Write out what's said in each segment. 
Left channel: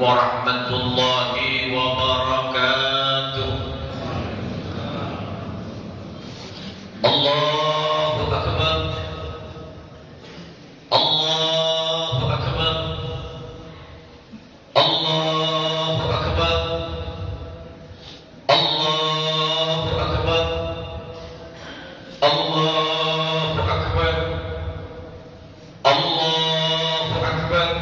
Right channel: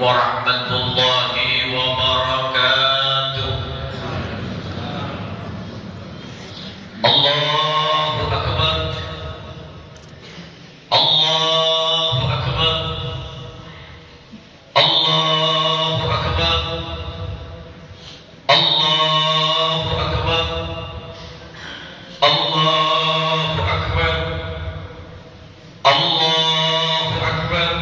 warahmatullahi wabarakatuh. Allahu akbar. Allahu akbar. Allahu akbar. Allahu akbar. Allahu akbar. Allahu akbar.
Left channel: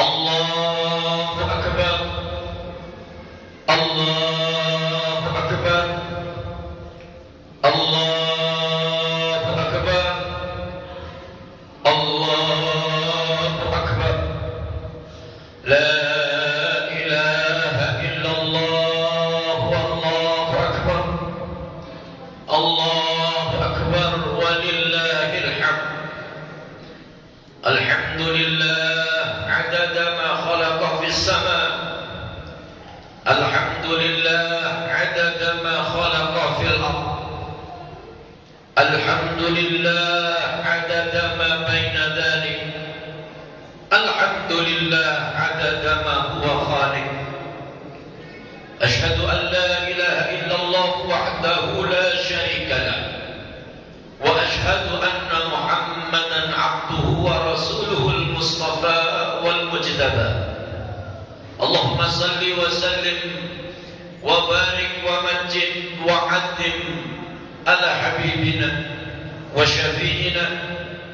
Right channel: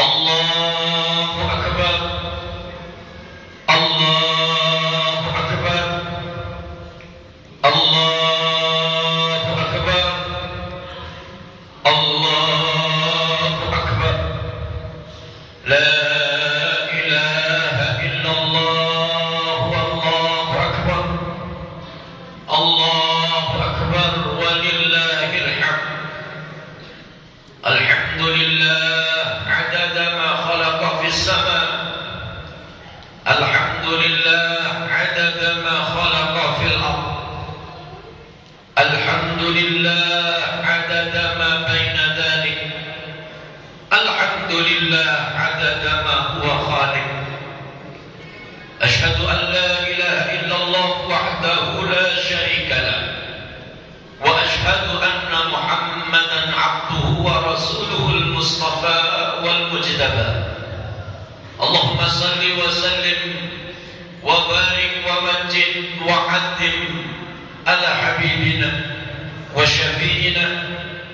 Allahu akbar. Allahu akbar. Allahu akbar. Allahu akbar. La ilaha illallah wallahu akbar. Allahu akbar walillahil hamd. Alhamdulillah adada ma khalaqa fis sama. Alhamdulillah adada ma khalaqa fil ard. Alhamdulillah adada ma baina dhalik. Alhamdulillah adada ma huwa khaliq. Ashhadu an la ilaha illallah wahdahu la syarika lah. Wa ashhadu anna Muhammadan abduhu wa rasuluhu al-mustafa wal mujtaba. Allahumma salli wa sallim wa barik wa majid wa addim ala habibina wa syafi'ina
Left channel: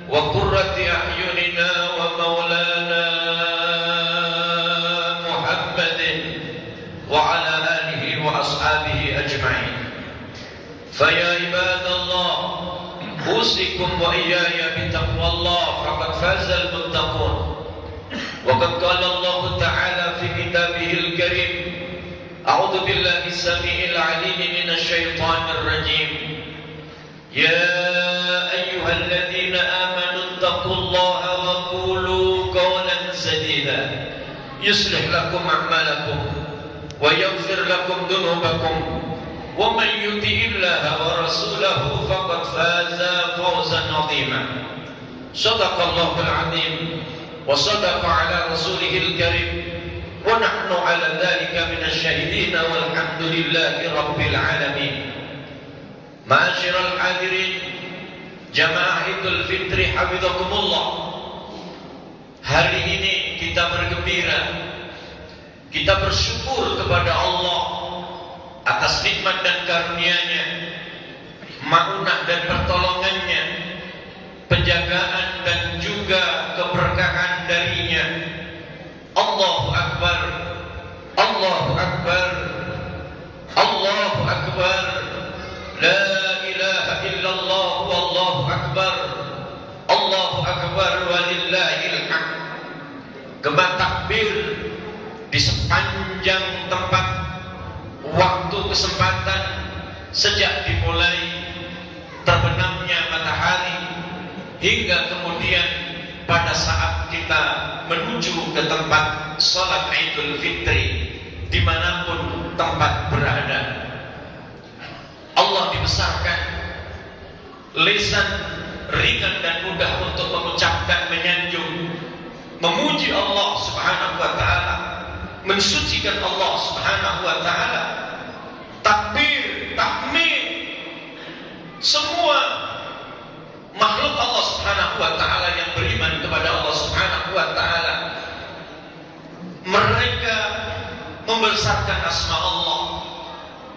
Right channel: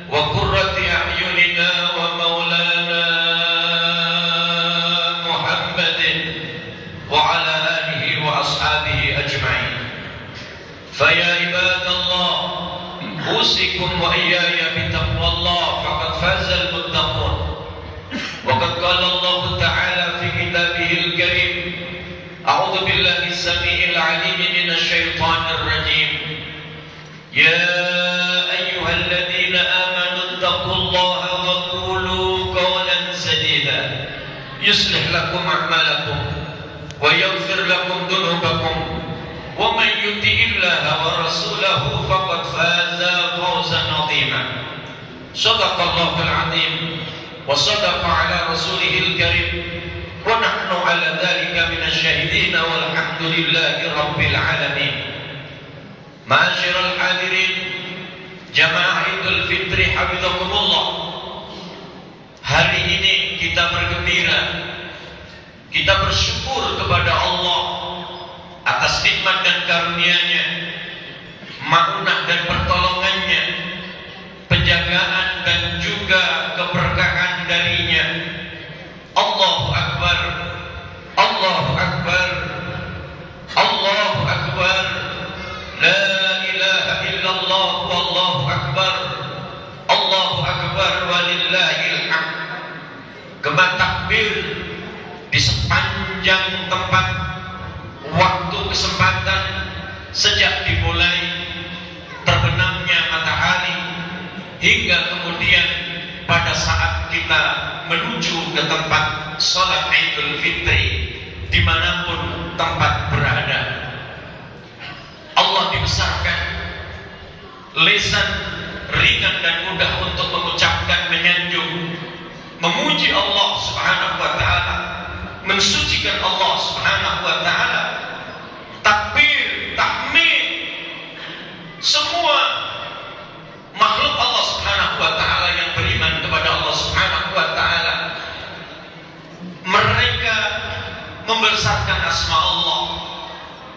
wa qurrati a'yunina wa maulana Muhammadin wa ala alihi wa ashabihi ajma'in. Faya ibadallah, usikum wa iyaya bitaqwallah faqad fazal muttaqun. Wa qad qala Allah ta'ala fi kitabihil karim, a'udzu billahi samii'il 'aliim minasy syaithaanir rajiim. Ya ayyuhalladzina amanu taqullaha wa qulu qawlan sadida yuslih lakum a'malakum wa yaghfir lakum dhunubakum wa man yuti'illaha wa rasulahu faqad faza fawzan 'azima. Shadaqallahul 'azim wa sadaqa 'ala rasulihil karim wa nahnu 'ala dzalika minasy syahidin walhamdulillahi rabbil alamin. Ma'asyiral hadirin jamaah Idul Fitri hafizakumullah. Hari ini kita bergembira, kita bersyukur kepada Allah atas nikmat dan karunia-Nya, maunah dan pertolongannya, penjagaan dan juga keberkahan darinya. Allahu akbar. Allahu akbar. Allahu akbar. La ilaha illallah wallahu akbar. Allahu akbar walillahil hamd. Gema takbir di sepanjang tempat, waktu, kesempatan, sejak dimulai terbenamnya matahari hingga kemudian pada saat kita menuju ke tempat sholat Idul Fitri dimanapun tempat berada. Allah dibesarkan, lisan ringan dan mudah untuk mengucapkan, menyanjung, memuji Allah Subhanahu wa ta'ala, mensucikan Allah Subhanahu wa ta'ala, takbir, tahmid, semua makhluk Allah Subhanahu wa ta'ala yang beriman kepada Allah Subhanahu wa ta'ala, mereka membesarkan asma Allah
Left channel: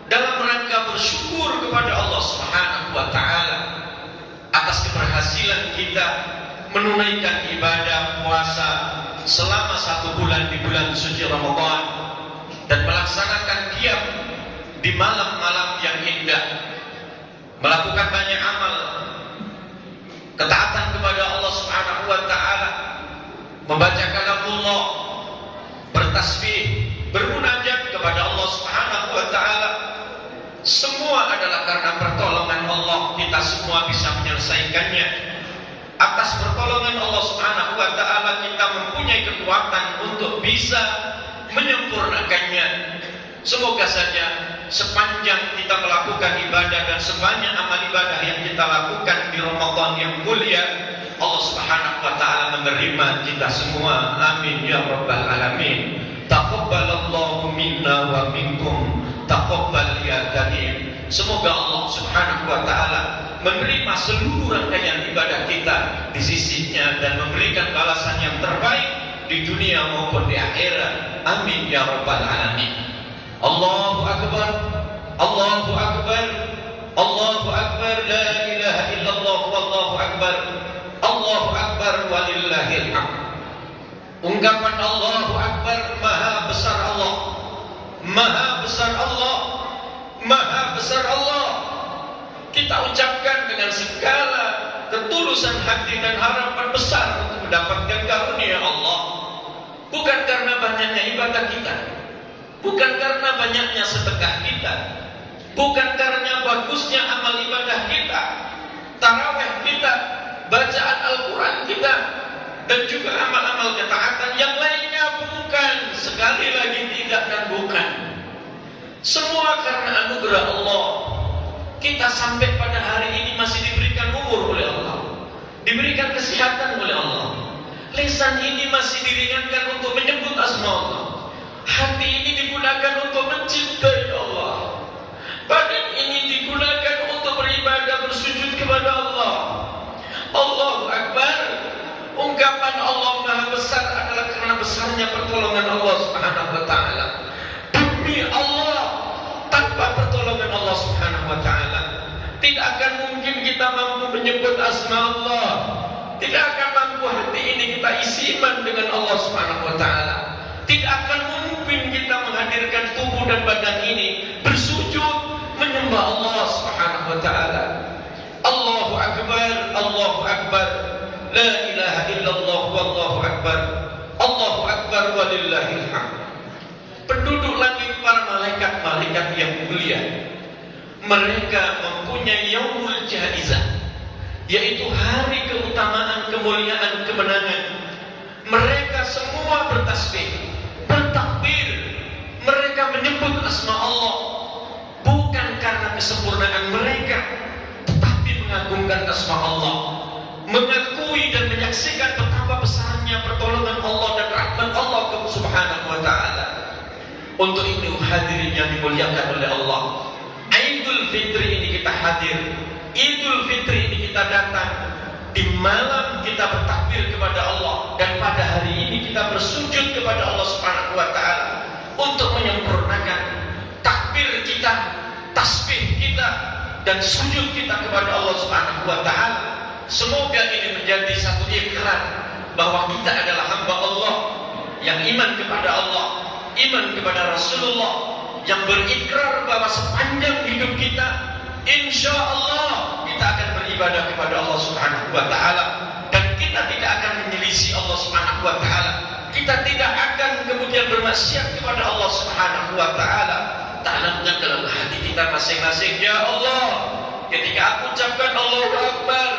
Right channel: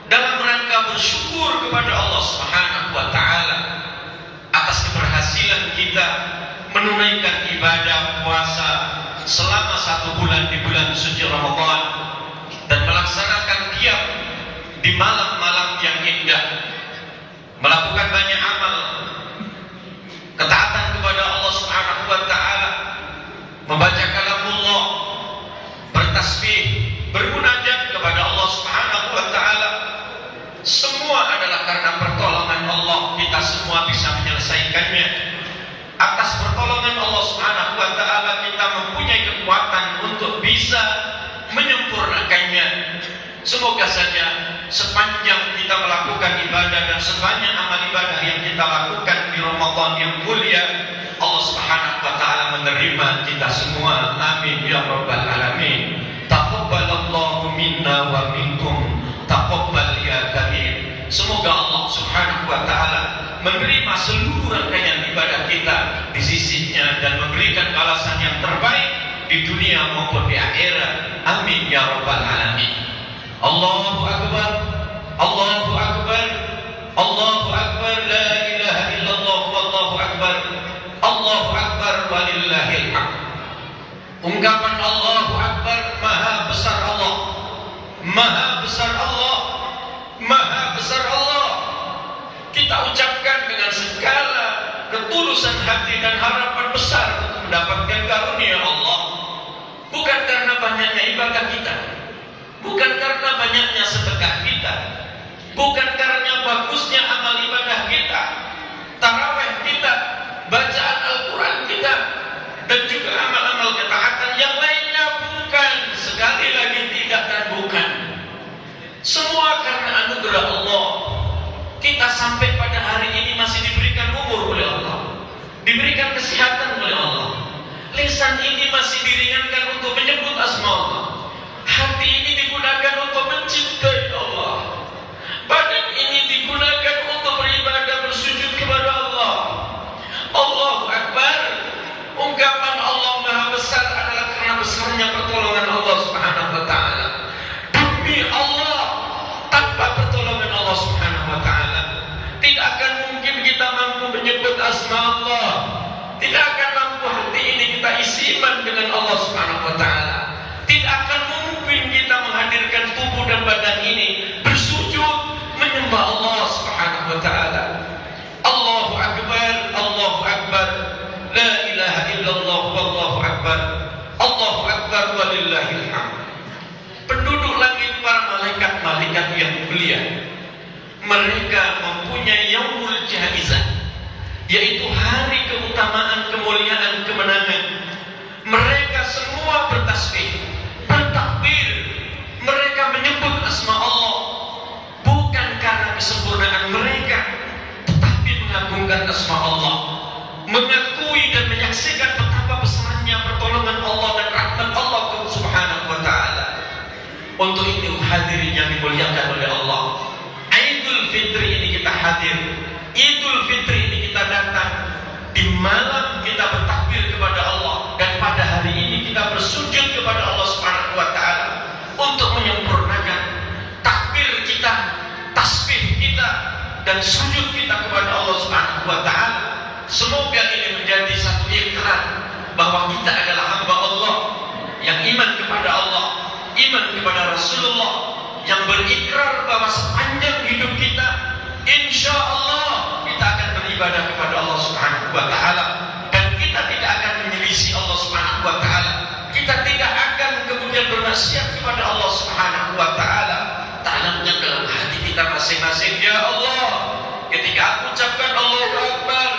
dalam rangka bersyukur kepada Allah Subhanahu wa ta'ala atas keberhasilan kita menunaikan ibadah puasa selama 1 bulan di bulan suci Ramadan dan melaksanakan qiyam di malam-malam yang indah, melakukan banyak amal ketaatan kepada Allah Subhanahu wa ta'ala, membaca kalamullah, bertasbih, bermunajat kepada Allah Subhanahu wa ta'ala. Semua adalah karena pertolongan Allah kita semua bisa menyelesaikannya. Atas pertolongan Allah Subhanahu wa ta'ala kita mempunyai kekuatan untuk bisa menyempurnakannya. Semoga saja sepanjang kita melakukan ibadah dan sebanyak amal ibadah yang kita lakukan di Ramadan yang mulia, Allah Subhanahu Subhanahu wa taala menerima kita semua. Amin ya rabbal alamin. Taqabbalallahu minna wa minkum. Taqabbal ya karim. Semoga Allah Subhanahu wa taala menerima seluruh rangkaian ibadah kita di sisinya dan memberikan balasan yang terbaik di dunia maupun di akhirat. Amin ya rabbal alamin. Allahu akbar, Allahu akbar, Allahu akbar, la ilaha illallah, wallahu akbar, Allahu akbar, walillahil hamd. Ungkapan Allahu akbar, maha besar Allah, maha besar Allah, maha besar Allah. Kita ucapkan dengan segala ketulusan hati dan harapan besar untuk mendapatkan karunia Allah. Bukan karena banyaknya ibadah kita, bukan karena banyaknya sedekah kita, bukan karena bagusnya amal ibadah kita, tarawih kita, bacaan Al-Quran kita, dan juga amal-amal ketaatan yang lainnya, bukan. Sekali lagi tidak dan bukan. Semua karena anugerah Allah. Kita sampai pada hari ini masih diberikan umur oleh Allah, diberikan kesehatan oleh Allah. Lisan ini masih diringankan untuk menyebut asma Allah. Hati ini digunakan untuk mencintai Allah. Badan ini digunakan untuk beribadah, bersujud kepada Allah. Allahu Akbar. Ungkapan Allah Maha Besar adalah karena besarnya pertolongan Allah Subhanahu wa taala. Demi Allah, tanpa pertolongan Allah Subhanahu wa taala tidak akan mungkin kita mampu menyebut asma Allah. Tidak akan mampu hati ini kita isi iman dengan Allah Subhanahu wa taala. Tidak akan mungkin kita menghadirkan tubuh dan badan ini bersujud menyembah Allah Subhanahu wa taala. Allahu akbar, Allahu akbar, la ilaha illallah, wallahu akbar, Allahu akbar, walillahil hamd. Penduduk langit, para malaikat-malaikat yang mulia, mereka mempunyai yaumul jaizah, yaitu hari keutamaan, kemuliaan, kemenangan. Mereka semua bertasbih, bertakbir. Mereka menyebut asma Allah bukan karena kesempurnaan mereka, tetapi mengagungkan asma Allah, mengakui dan menyaksikan betapa besarnya pertolongan Allah dan rahmat Allah Subhanahu wa taala. Untuk itu hadirin yang dimuliakan oleh Allah, Idul Fitri ini kita hadir, Idul Fitri ini kita datang. Di malam kita bertakbir kepada Allah, dan pada hari ini kita bersujud kepada Allah Subhanahu wa taala untuk menyempurnakan takbir kita, tasbih kita, dan sujud kita kepada Allah Subhanahu wa taala. Semoga ini menjadi satu ikrar bahwa kita adalah hamba Allah yang iman kepada Allah, iman kepada Rasulullah, yang berikrar bahwa sepanjang hidup kita insya Allah kita akan beribadah kepada Allah Subhanahu wa taala, dan kita tidak akan menyelisih Allah Subhanahu wa taala. Kita tidak akan kemudian bermaksiat kepada Allah Subhanahu wa taala. Tanamkan dalam hati kita masing-masing, ya Allah, ketika aku ucapkan Allahu Akbar,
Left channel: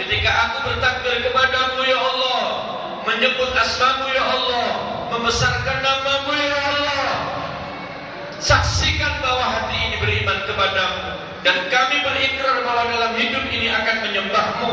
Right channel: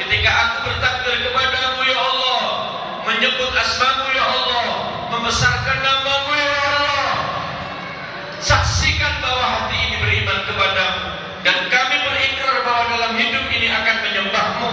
ketika aku bertakbir kepadamu ya Allah, menyebut asmamu ya Allah, membesarkan namamu ya Allah, saksikan bahwa hati ini beriman kepadamu, dan kami berikrar bahwa dalam hidup ini akan menyembahmu,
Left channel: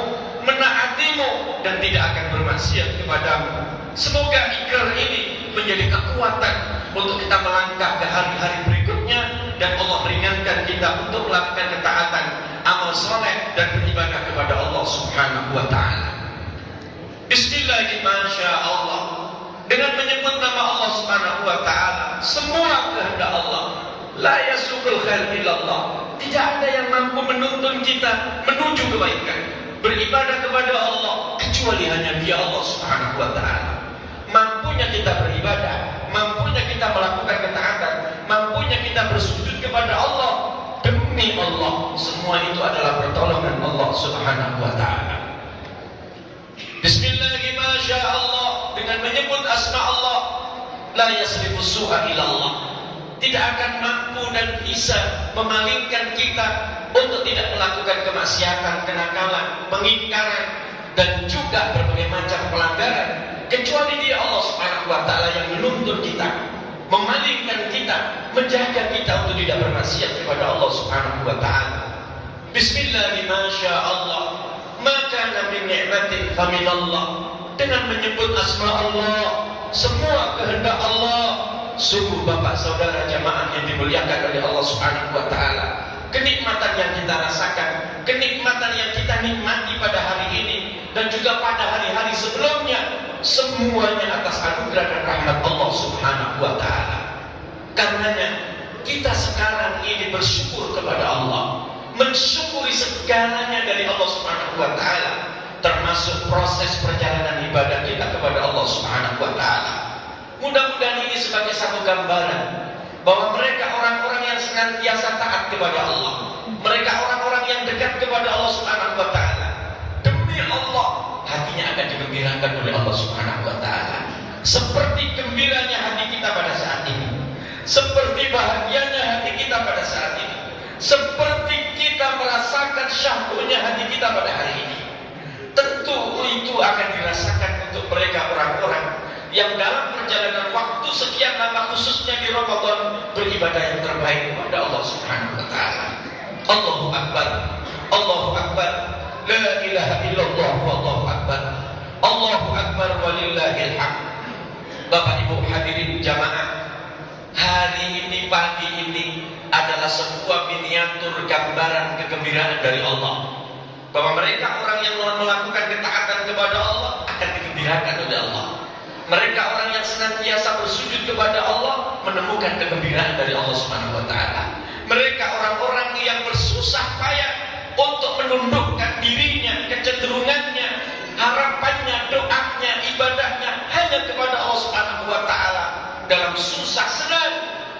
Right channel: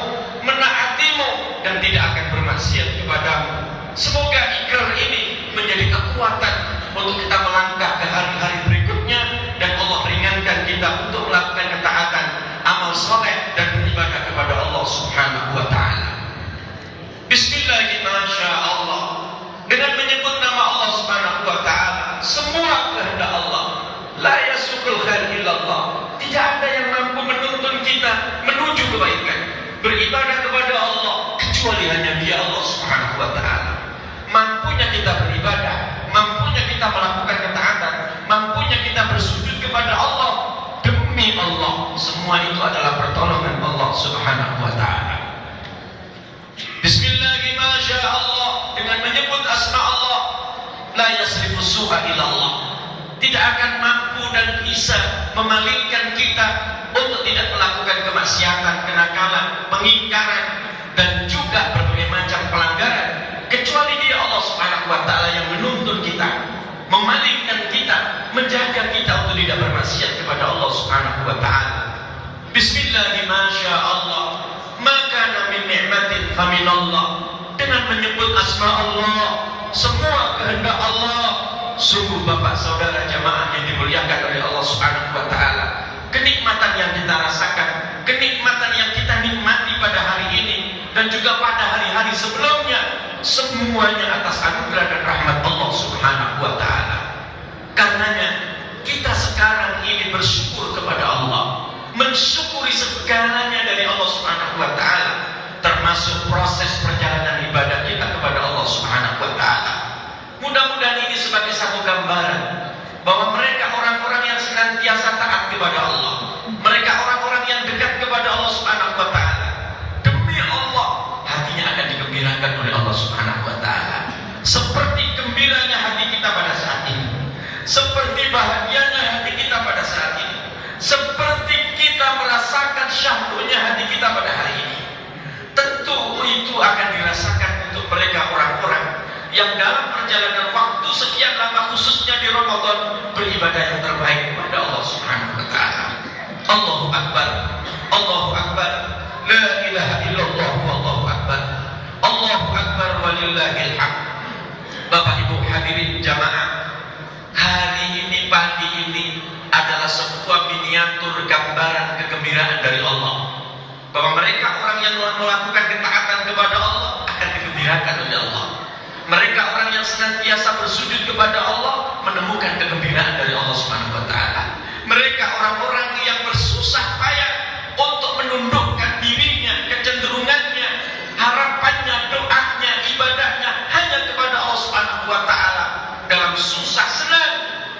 menaatimu, dan tidak akan bermaksiat kepadamu. Semoga ikrar ini menjadi kekuatan untuk kita melangkah ke hari-hari berikutnya, dan Allah meringankan kita untuk melakukan ketaatan, amal soleh, dan beribadah kepada Allah Subhanahu wa taala. Bismillahirrahmanirrahim. Dengan menyebut nama Allah Subhanahu wa taala, semua kehendak Allah. La yasukul khair illallah. Tidak ada yang mampu menuntun kita menuju kebaikan, beribadah kepada Allah, kecuali hanya Dia, Allah Subhanahu wa taala. Mampunya kita beribadah, mampunya kita melakukan ketaatan, mampunya kita bersujud kepada Allah, demi Allah, semua itu adalah pertolongan Allah Subhanahu wa taala. Bismillahirrahmanirrahim. Dengan menyebut asma Allah, la yasrifu su'a ilallah, tidak akan mampu dan bisa memalingkan kita untuk tidak melakukan kemaksiatan, kenakalan, pengingkaran, dan juga berbagai macam pelanggaran, kecuali Dia, Allah Subhanahu wa taala, yang menuntun kita, memalingkan kita, menjaga kita untuk tidak bermaksiat kepada Allah Subhanahu wa taala. Bismillahirrahmanirrahim. Maka kana min ni'matin faminallah. Dengan menyebut asma Allah, semua kehendak Allah. Sungguh Bapak Saudara jamaah yang dimuliakan oleh Allah Subhanahu wa taala, kenikmatan yang kita rasakan, kenikmatan yang kita nikmati pada hari ini dan juga pada hari-hari sebelumnya, semuanya atas anugerah dan rahmat Allah Subhanahu wa taala. Karenanya kita sekarang ini bersyukur kepada Allah, mensyukuri segalanya dari Allah Subhanahu wa taala, termasuk proses perjalanan ibadah kita kepada Allah Subhanahu wa taala. Mudah-mudahan ini sebagai satu gambaran bahwa mereka orang-orang yang senantiasa taat kepada Allah, mereka orang-orang yang dekat kepada Allah Subhanahu wa taala, demi Allah hatinya akan digembirakan oleh Allah Subhanahu wa taala. Seperti gembiranya hati kita pada saat ini, seperti bahagianya hati kita pada saat ini, seperti kita merasakan syahdunya hati kita pada hari ini. Tentu itu akan dirasakan untuk mereka orang-orang yang dalam perjalanan waktu sekian lama, khususnya di Ramadan, beribadah yang terbaik kepada Allah Subhanahu wa taala. Allahu Akbar, Allahu Akbar, la ilaha illallah, wallahu akbar, Allahu Akbar walillahil hamd. Bapak Ibu hadirin jamaah, hari ini, pagi ini adalah sebuah miniatur gambaran kegembiraan dari Allah, bahwa mereka orang yang melakukan ketaatan kepada Allah akan digembirakan oleh Allah. Mereka orang yang senantiasa bersujud kepada Allah menemukan kegembiraan dari Allah Subhanahu wa taala. Mereka orang-orang yang bersusah payah untuk menundukkan dirinya, kecenderungannya, harapannya, doanya, ibadahnya hanya kepada Allah Subhanahu wa taala dalam susah senang,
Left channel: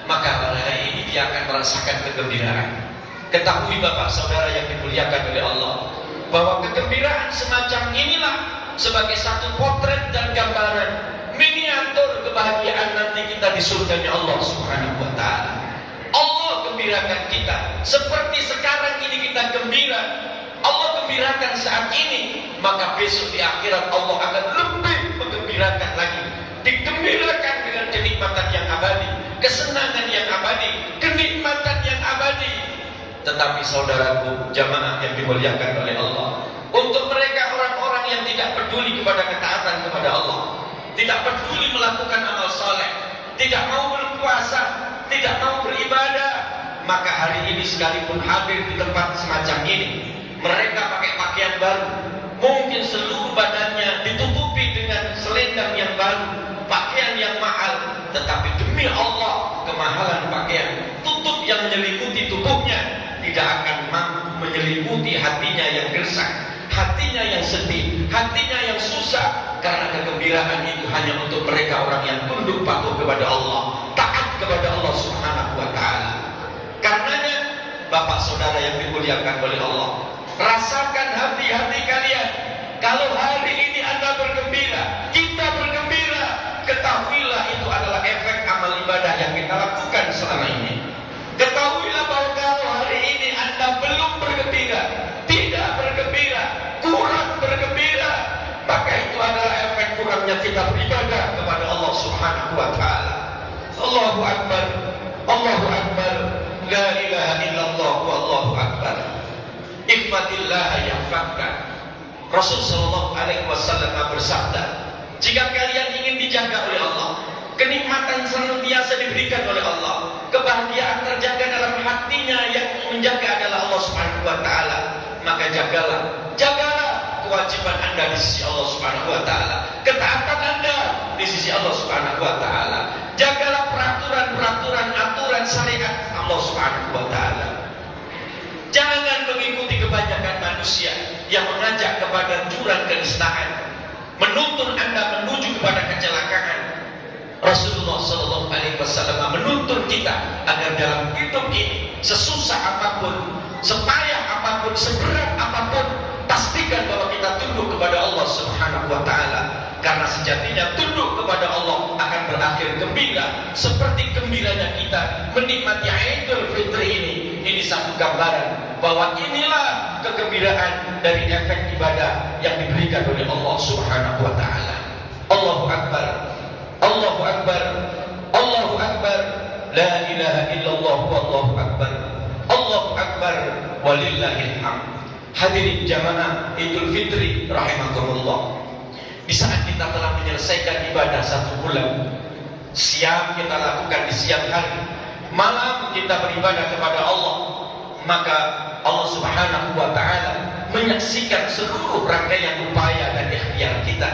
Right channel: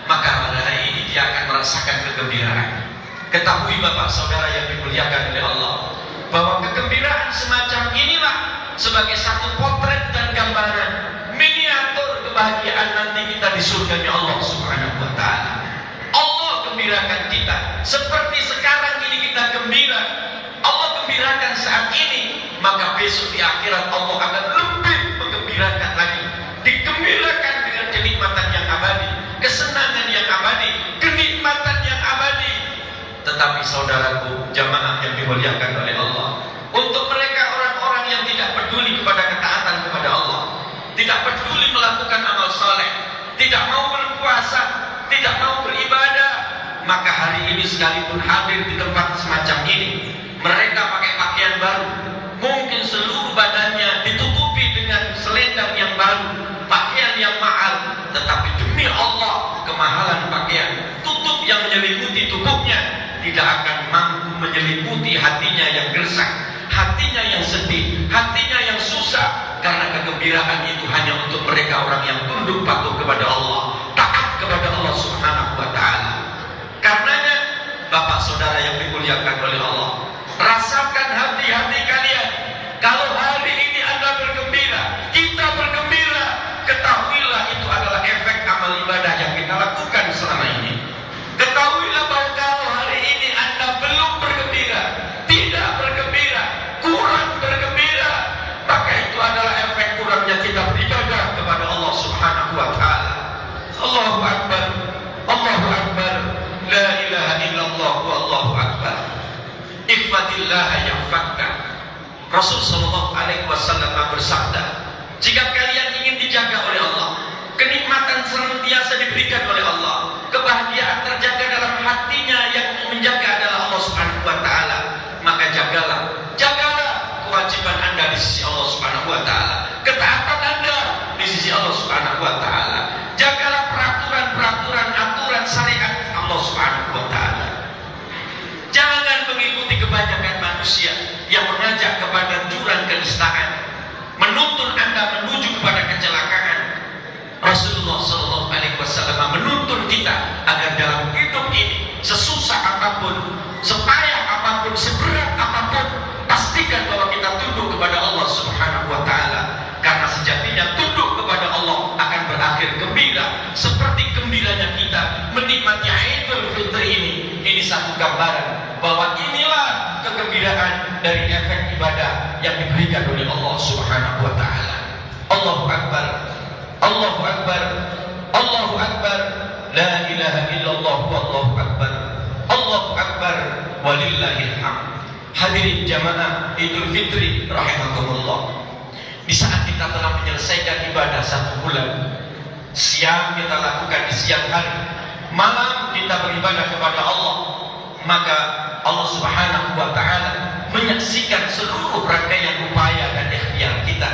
maka pada hari ini dia akan merasakan kegembiraan. Ketahui Bapak Saudara yang dimuliakan oleh Allah, bahwa kegembiraan semacam inilah sebagai satu potret dan gambaran miniatur kebahagiaan nanti kita di surganya Allah Subhanahu wa taala. Allah gembirakan kita seperti sekarang ini kita gembira. Allah gembirakan saat ini, maka besok di akhirat Allah akan lebih menggembirakan lagi. Digembirakan dengan kenikmatan yang abadi, kesenangan yang abadi, kenikmatan yang abadi. Tetapi saudaraku jamaah yang dimuliakan oleh Allah, untuk mereka orang-orang yang tidak peduli kepada ketaatan kepada Allah, tidak peduli melakukan amal saleh, tidak mau berpuasa, tidak mau beribadah, maka hari ini sekalipun hadir di tempat semacam ini, mereka pakai pakaian baru, mungkin seluruh badannya ditutupi dengan selendang yang baru, pakaian yang mahal, tetapi demi Allah kemahalan pakaian, tutup yang menyelimuti tubuhnya tidak akan mampu menyelimuti hatinya yang gersang, hatinya yang sedih, hatinya yang susah. Karena kegembiraan itu hanya untuk mereka orang yang tunduk patuh kepada Allah, taat kepada Allah Subhanahu wa taala. Karenanya Bapak Saudara yang dimuliakan oleh Allah, rasakan hati-hati kalian. Kalau hari ini Anda bergembira, kita bergembira, ketahuilah itu adalah efek amal ibadah yang kita lakukan selama ini. Ketahuilah bahwa kalau hari ini Anda belum bergembira, tidak bergembira, kurang bergembira, maka itu adalah efek kurangnya kita beribadah kepada Allah Subhanahu wa taala. Allahu Akbar, Allahu Akbar, la ilaha illallah, wallahu akbar. Ihfadillah yahfadka. Rasul sallallahu alaihi wasallam bersabda, jika kalian ingin dijaga oleh Allah, kenikmatan senantiasa diberikan oleh Allah, kebahagiaan terjaga dalam hatinya, yang menjaga adalah Allah Subhanahu wa taala, maka jagalah kewajiban Anda di sisi Allah Subhanahu wa taala, ketaatan Anda di sisi Allah Subhanahu wa taala. Jagalah peraturan-peraturan, aturan syariat Allah Subhanahu wa taala. Jangan mengikuti kebanyakan manusia yang mengajak kepada jurang kenistaan, menuntun Anda menuju kepada kecelakaan. Rasulullah sallallahu alaihi wasallam menuntun kita agar dalam hidup ini, sesusah apapun, sepayah apapun, seberat apapun, pastikan bahwa kita tunduk kepada Allah Subhanahu wa taala. Karena sejatinya tunduk kepada Allah akan berakhir gembira, seperti gembiranya kita menikmati Idul Fitri ini. Ini satu gambaran bahwa inilah kegembiraan dari efek ibadah yang diberikan oleh Allah Subhanahu wa taala. Allahu Akbar, Allahu Akbar, Allahu Akbar, la ilaha illallah, wallahu akbar, Allahu Akbar walillahil hamd. Hadirin jamaah Idul Fitri rahimakumullah. Di saat kita telah menyelesaikan ibadah 1 bulan, siang kita lakukan di siang hari, malam kita beribadah kepada Allah, maka Allah Subhanahu wa ta'ala menyaksikan seluruh rangkaian upaya dan ikhtiar kita.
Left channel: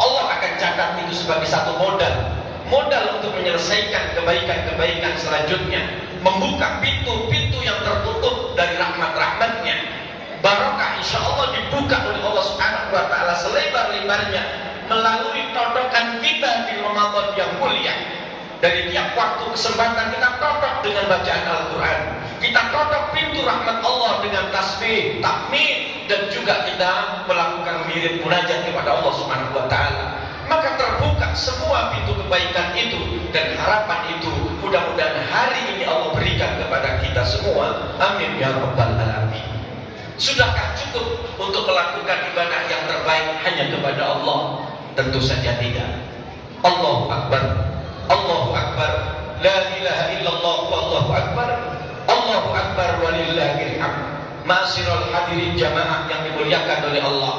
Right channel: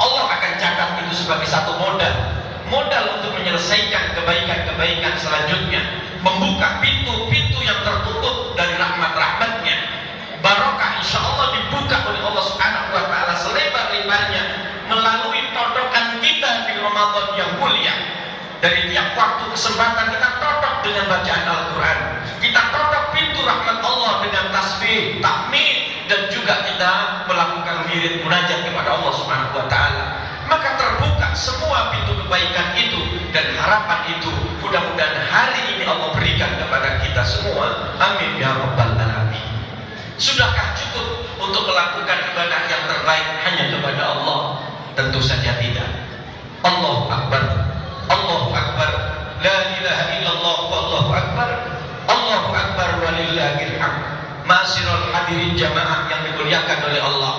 Allah akan catat itu sebagai satu modal untuk menyelesaikan kebaikan-kebaikan selanjutnya, membuka pintu-pintu yang tertutup dari rahmat-rahmatnya. Barokah insya Allah dibuka oleh Allah Subhanahu wa ta'ala selebar-lebarnya melalui todokan kita di Ramadan yang mulia. Dari tiap waktu kesempatan kita totok dengan bacaan Al-Quran, kita totok pintu rahmat Allah dengan tasbih, tahmid, dan juga kita melakukan wirid munajat kepada Allah Subhanahu wa ta'ala. Maka terbuka semua pintu kebaikan itu, dan harapan itu mudah-mudahan hari ini Allah berikan kepada kita semua. Amin ya rabbal alamin. Sudahkah cukup untuk melakukan ibadah yang terbaik hanya kepada Allah? Tentu saja tidak. Allahu Akbar, Allahu Akbar, la ilaha illallah, wallahu akbar, Allahu Akbar walillahil hamd. Ma'asyiral hadirin jamaah yang dimuliakan oleh Allah,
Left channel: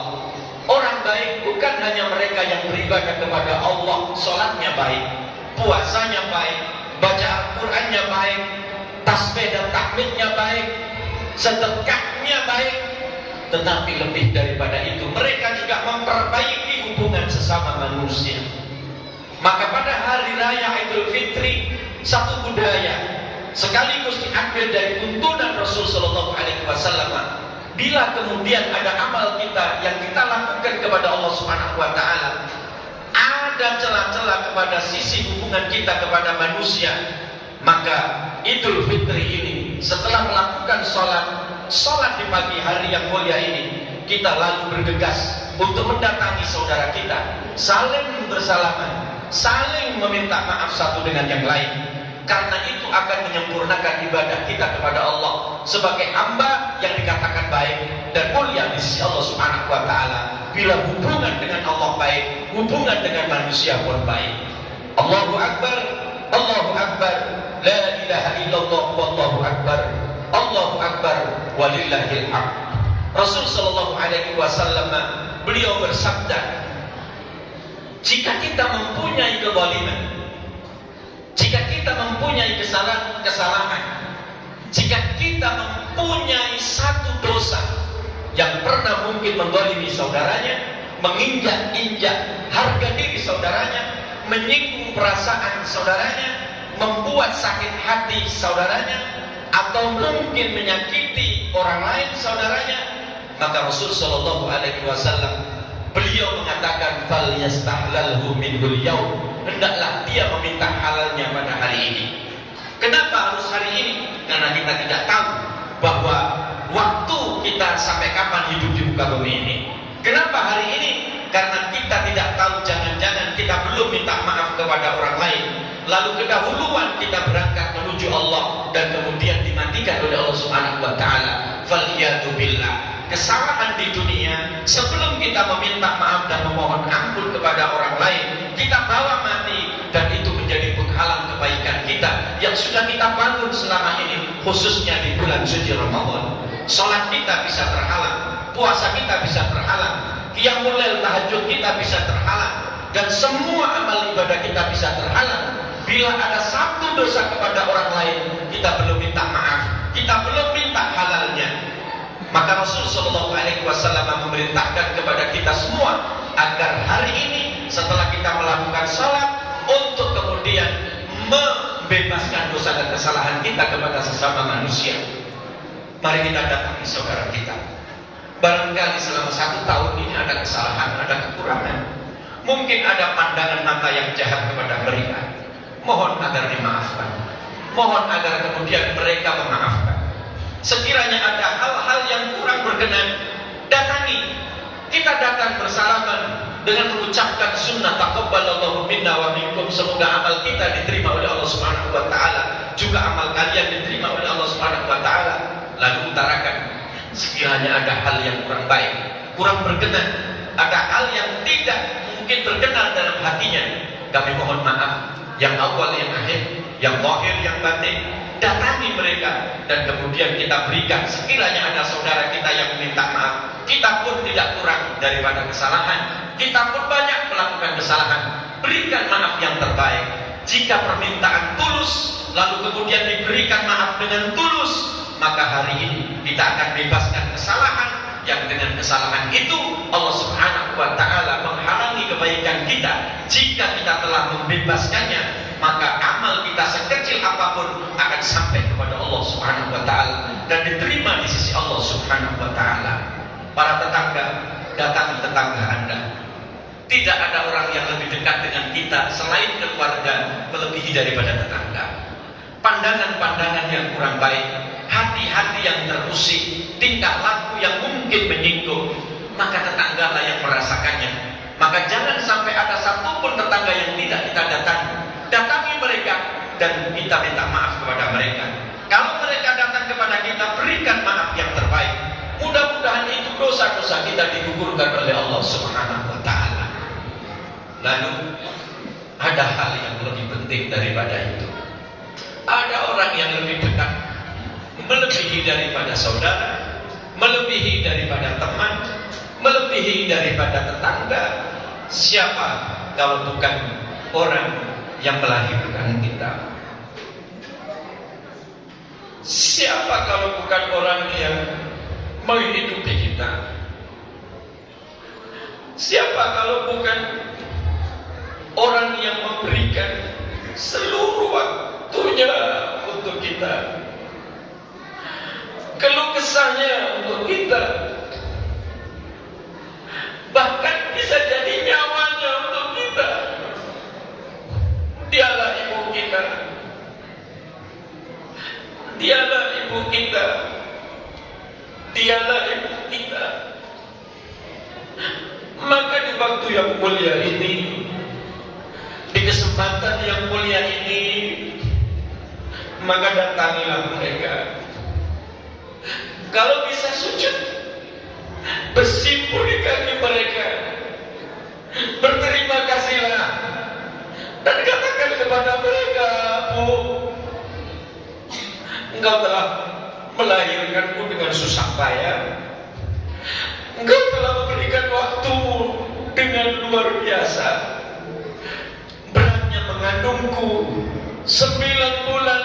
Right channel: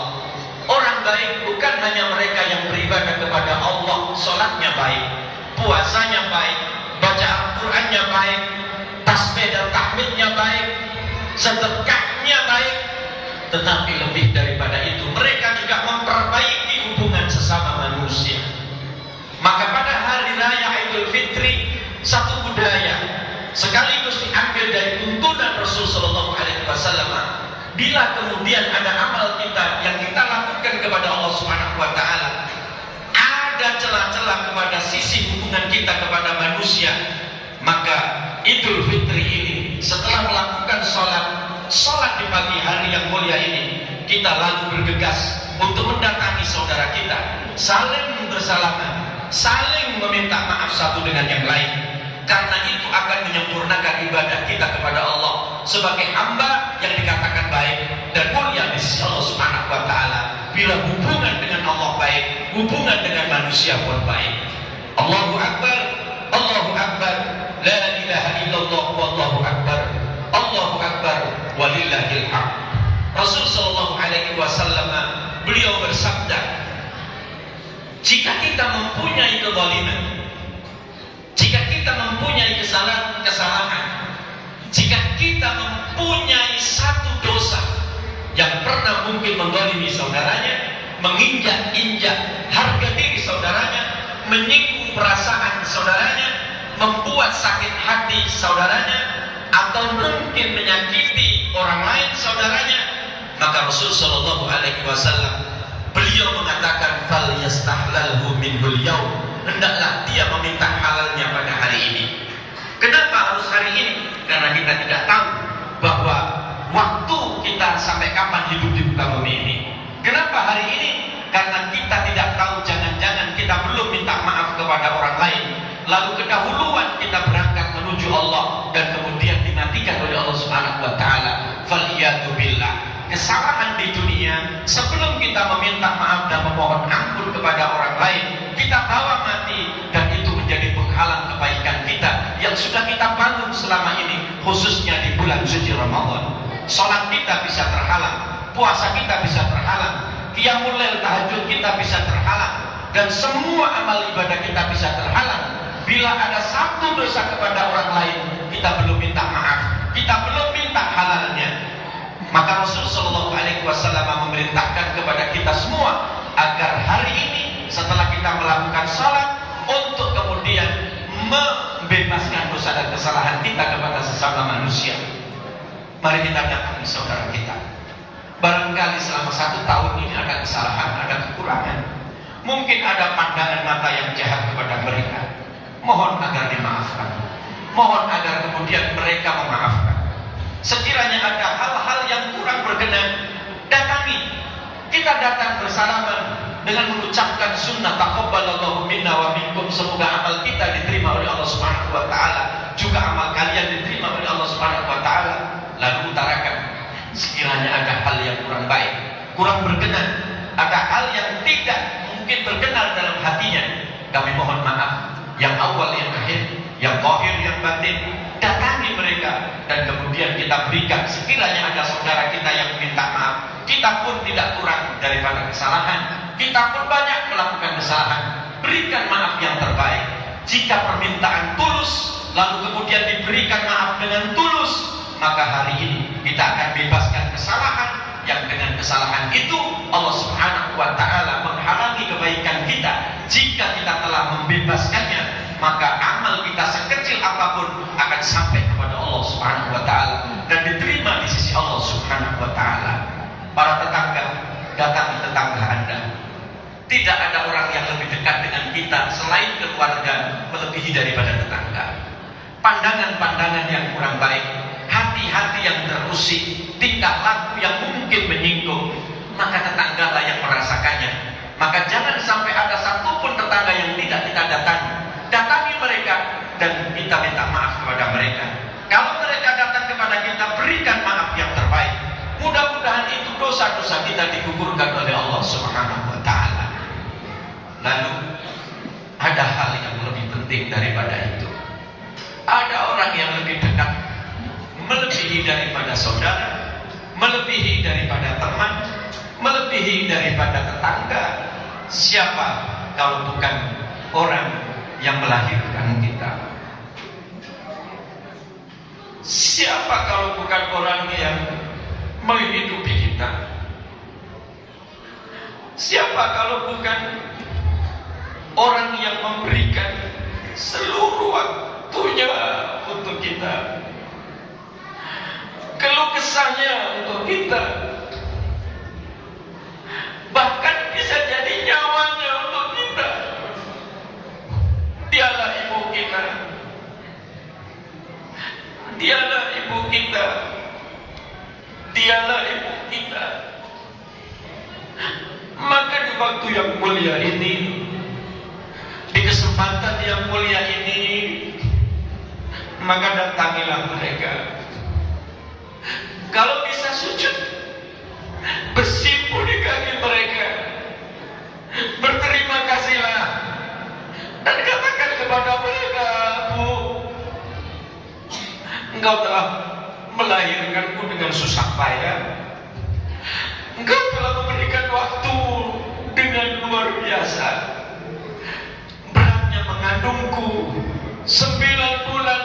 orang baik bukan hanya mereka yang beribadah kepada Allah, sholatnya baik, puasanya baik, baca Al-Qurannya baik, tasbih dan tahmidnya baik, sedekahnya baik, tetapi lebih daripada itu mereka juga memperbaiki hubungan sesama manusia. Maka pada hari raya Idul Fitri, satu budaya sekaligus diambil dari tuntunan Rasul Shallallahu Alaihi Wasallam. Bila kemudian ada amal kita yang kita lakukan kepada Allah Subhanahu Wa Taala, ada celah-celah kepada sisi hubungan kita kepada manusia, maka Idul Fitri ini setelah melakukan sholat di pagi hari yang mulia ini, kita lalu bergegas untuk mendatangi saudara kita, saling bersalaman, saling meminta maaf satu dengan yang lain. Karena itu akan menyempurnakan ibadah kita kepada Allah sebagai hamba yang dikatakan baik dan mulia di sisi Allah Subhanahu wa ta'ala. Bila hubungan dengan Allah baik, hubungan dengan manusia pun baik. Allahu Akbar, Allahu Akbar, la ilaha illallah, wallahu akbar, Allahu Akbar walillahil hamd. Rasul sallallahu alaihi wasallam beliau bersabda, jika kita mempunyai kezaliman, jika kita mempunyai kesalahan, jika kita mempunyai satu dosa yang pernah mungkin menzalimi saudaranya, menginjak-injak harga diri saudaranya, menyinggung perasaan saudaranya, membuat sakit hati saudaranya, atau mungkin menyakiti orang lain saudaranya, maka Rasul Shallallahu Alaihi Wasallam beliau mengatakan, fal yastahlalhu minhul yaum, hendaklah dia meminta halalnya pada hari ini. Kenapa harus hari ini? Karena kita tidak tahu bahwa waktu kita sampai kapan hidup di muka bumi ini. Kenapa hari ini? Karena kita tidak tahu, jangan-jangan kita belum minta maaf kepada orang lain, lalu kedahuluan kita berangkat menuju Allah dan kemudian dimatikan oleh Allah Subhanahu wa taala. Faliyatu billah. Kesalahan di dunia sebelum kita meminta maaf dan memohon ampun kepada orang lain, kita bawa mati, dan itu menjadi penghalang kebaikan kita yang sudah kita bangun selama ini, khususnya di bulan suci Ramadan. Salat kita bisa terhalang, puasa kita bisa terhalang, qiyamul lail tahajud kita bisa terhalang, dan semua amal ibadah kita bisa terhalang. Bila ada satu dosa kepada orang lain, kita belum minta maaf, kita belum minta halalnya. Maka Rasul Shallallahu Alaihi Wasallam memerintahkan kepada kita semua agar hari ini setelah kita melakukan salat, untuk kemudian membebaskan dosa dan kesalahan kita kepada sesama manusia. Mari kita datangi saudara kita. Barangkali selama 1 tahun ini ada kesalahan, ada kekurangan, mungkin ada pandangan mata yang jahat kepada mereka. Mohon agar dimaafkan, mohon agar kemudian mereka memaafkan. Sekiranya ada hal-hal yang kurang berkenan, datangi. Kita datang bersalaman dengan mengucapkan sunnah taqabbalallahu minna wa minkum, semoga amal kita diterima oleh Allah Subhanahu wa taala, juga amal kalian diterima oleh Allah Subhanahu wa taala. Lalu utarakan sekiranya ada hal yang kurang baik, kurang berkenan, ada hal yang tidak mungkin berkenan dalam hatinya, kami mohon maaf yang awal yang akhir. yang zahir, yang batin. Datangi mereka dan kemudian kita berikan. Sekiranya ada saudara kita yang minta maaf, kita pun tidak kurang daripada kesalahan, kita pun banyak melakukan kesalahan, berikan maaf yang terbaik. Jika permintaan tulus lalu kemudian diberikan maaf dengan tulus, maka hari ini kita akan bebaskan kesalahan yang dengan kesalahan itu Allah Subhanahu wa taala menghalangi kebaikan kita. Jika kita telah membebaskannya, maka amal kita sekecil apapun akan sampai kepada Allah Subhanahu wa taala dan diterima di sisi Allah Subhanahu wa taala. Para tetangga, datangi tetangga Anda. Tidak ada orang yang lebih dekat dengan kita selain keluarga melebihi daripada tetangga. Pandangan-pandangan yang kurang baik, hati-hati yang terusik, tingkah laku yang mungkin menyinggung, maka tetanggalah yang merasakannya. Maka jangan sampai ada satupun tetangga yang tidak kita datangi. Datangi mereka dan kita minta maaf kepada mereka. Kalau mereka datang kepada kita, berikan maaf yang terbaik. Mudah-mudahan itu dosa-dosa kita digugurkan oleh Allah Subhanahu wa taala. Lalu ada hal yang lebih penting daripada itu. Ada orang yang lebih dekat, melebihi daripada saudara, melebihi daripada teman, melebihi daripada tetangga. Siapa kalau bukan orang yang melahirkan kita? Siapa kalau bukan orang yang menghidupi kita? Siapa kalau bukan orang yang memberikan seluruh waktunya untuk kita, keluh kesahnya untuk kita, bahkan bisa jadi nyawanya untuk kita? Dialah ibu kita, dialah ibu kita, dialah ibu kita. Maka di waktu yang mulia ini, di kesempatan yang mulia ini, maka datangilah mereka. Kalau bisa sujud, bersimpuh di kaki mereka, berterima kasihlah, dan katakan kepada mereka, Bu, engkau telah melahirkanku dengan susah payah, engkau telah memberikan waktu dengan luar biasa, beratnya mengandungku 9 bulan,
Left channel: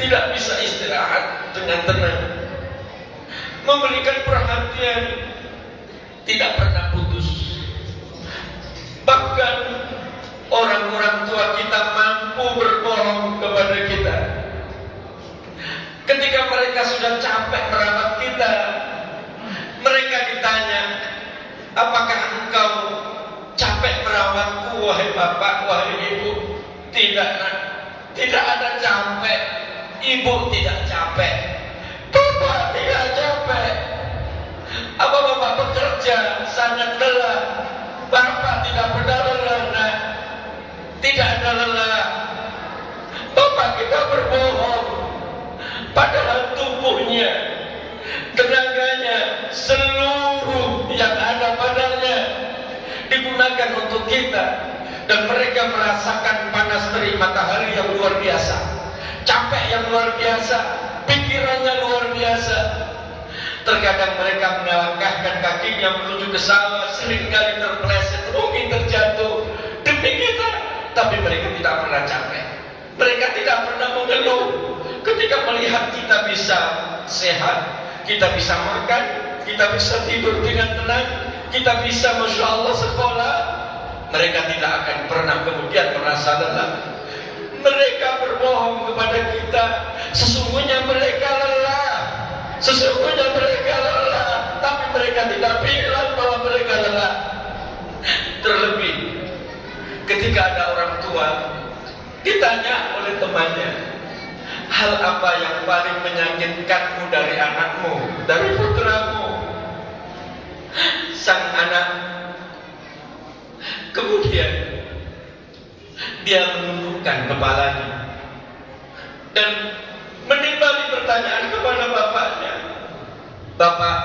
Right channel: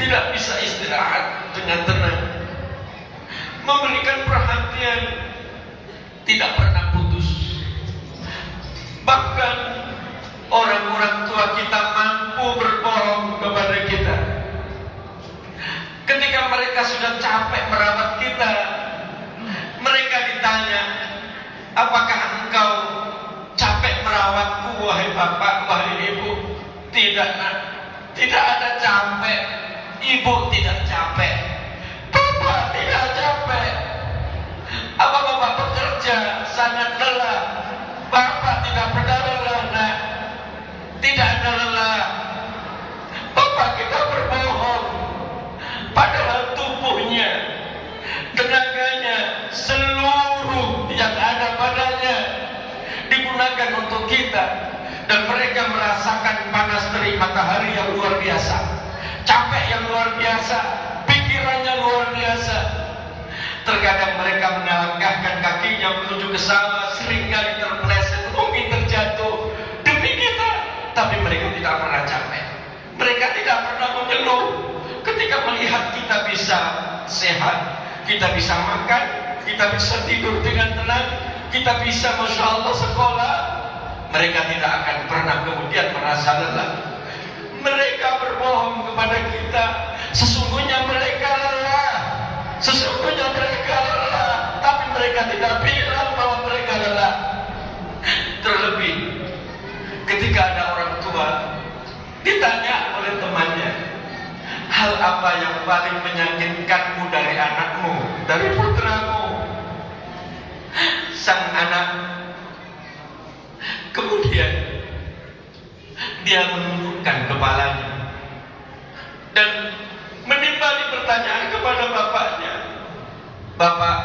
tidak bisa istirahat dengan tenang, memberikan perhatian, tidak pernah putus. Bahkan orang-orang tua kita mampu berbohong kepada kita. Ketika mereka sudah capek merawat kita, mereka ditanya, apakah engkau capek merawatku, wahai bapak, wahai ibu? Tidak, nak, tidak ada capek. Ibu tidak capek, bapak tidak capek. Apa bapak bekerja sangat lelah? Bapak tidak pernah lelah, nak. Tidak ada lelah. Bapak kita berbohong, padahal tubuhnya, tenaganya, seluruh yang ada padanya digunakan untuk kita. Dan mereka merasakan panas terik matahari yang luar biasa, capek yang luar biasa, pikirannya luar biasa. Terkadang mereka melangkahkan kakinya menuju ke sawah, seringkali terpeleset, mungkin terjatuh demi kita, tapi mereka tidak pernah capek. Mereka tidak pernah mengeluh ketika melihat kita bisa sehat, kita bisa makan, kita bisa tidur dengan tenang, kita bisa Masya Allah sekolah. Mereka tidak akan pernah kemudian merasa lelah. Mereka berbohong kepada kita, sesungguhnya mereka lelah, sesungguhnya mereka lelah, tapi mereka tidak bilang bahwa mereka lelah. Terlebih ketika ada orang tua ditanya oleh temannya, hal apa yang paling menyakitkanmu dari anakmu, dari putramu? Sang anak kemudian dia menundukkan kepalanya dan menimbali pertanyaan kepada bapaknya. Bapak,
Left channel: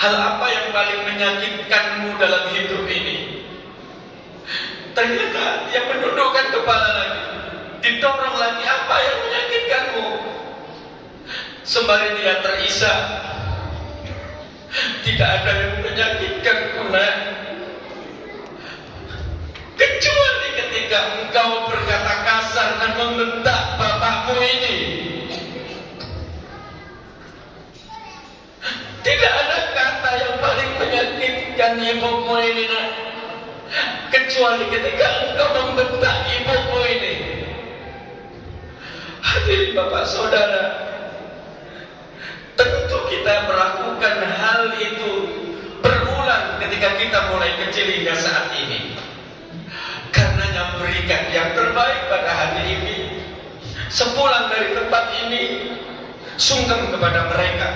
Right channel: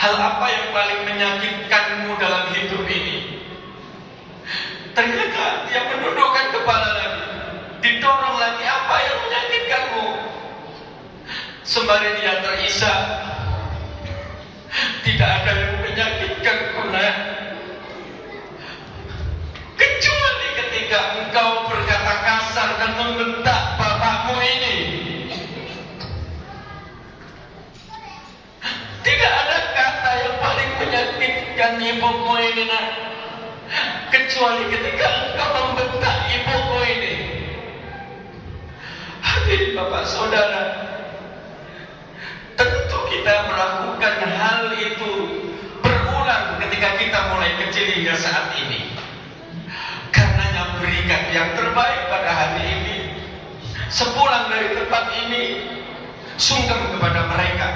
hal apa yang paling menyakitkanmu dalam hidup ini? Ternyata dia menundukkan kepala lagi. sembari dia terisak, tidak ada yang menyakitkan kuna, kecuali ketika engkau berkata kasar dan membentak bapakmu ini. Tidak ada kata yang paling menyakitkan ibumu ini, nak, kecuali ketika engkau membentak ibumu ini. Hadirin bapak saudara, tentu kita melakukan hal itu berulang ketika kita mulai kecil hingga saat ini. Karenanya berikan yang terbaik pada hari ini. Sepulang dari tempat ini, sungkem kepada mereka,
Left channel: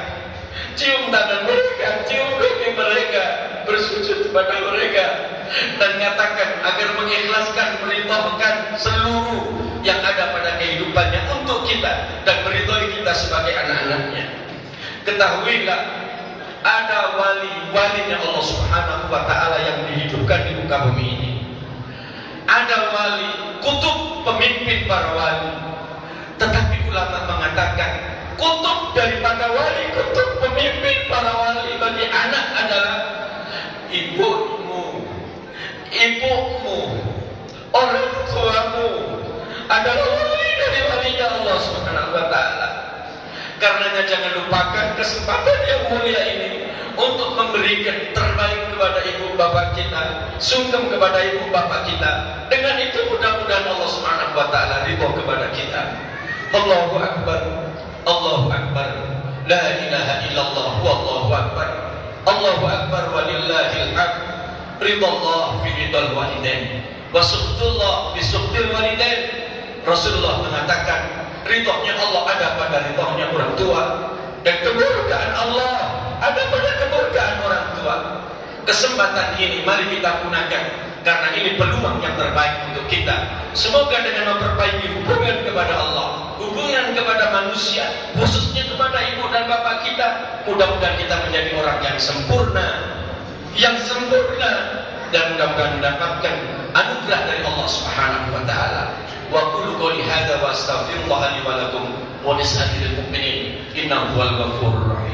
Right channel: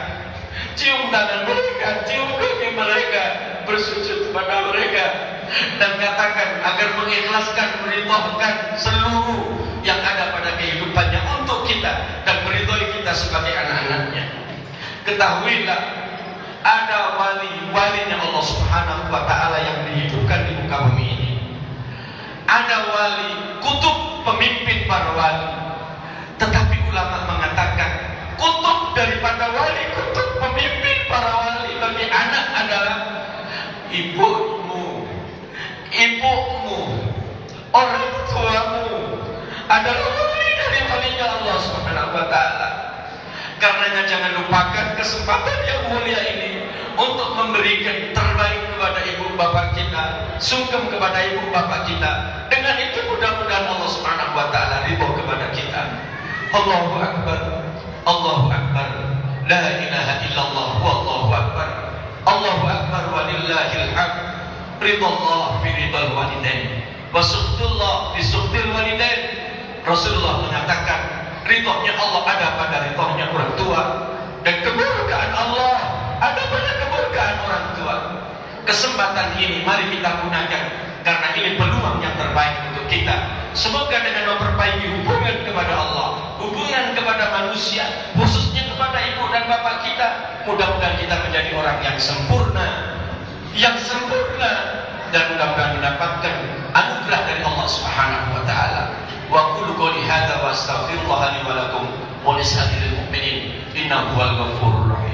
cium tangan mereka, cium kaki mereka, bersujud kepada mereka, dan katakan agar mengikhlaskan, meridhokan seluruh yang ada pada kehidupannya untuk kita dan meridhoi kita sebagai anak-anaknya. Ketahuilah, ada wali-walinya Allah Subhanahu wa ta'ala yang dihidupkan di muka bumi ini. Ada wali, kutub pemimpin para wali. Tetapi ulama mengatakan, kutub daripada wali, kutub pemimpin para wali bagi anak adalah ibumu, orang tuamu adalah wali dari walinya Allah Subhanahu wa ta'ala. Karenanya jangan lupakan kesempatan yang mulia ini untuk memberikan terbaik kepada ibu bapak kita, sungkem kepada ibu bapak kita. Dengan itu mudah-mudahan Allah Subhanahu wa ta'ala ridho kepada kita. Allahu Akbar, Allahu Akbar, la ilaha illallah, wallahu akbar, Allahu Akbar walillahil hamd. Ridallah fi ridal walidain, wa suhtullah fi suhtil walidain. Rasulullah mengatakan, ridhonya Allah ada pada ridhonya orang tua, dan kemurkaan Allah ada pada kemurkaan orang tua. Kesempatan ini mari kita gunakan, karena ini peluang yang terbaik untuk kita. Semoga dengan memperbaiki hubungan kepada Allah, hubungan kepada manusia, khususnya kepada ibu dan bapak kita, mudah-mudahan kita menjadi orang yang sempurna, dan mudah-mudahan mendapatkan anugerah dari Allah Subhanahu wa ta'ala. Wa qulu qouli hadza wa astaghfirullah li wa lakum wa lisa'iril mu'minin innahu huwal ghafurur rahim.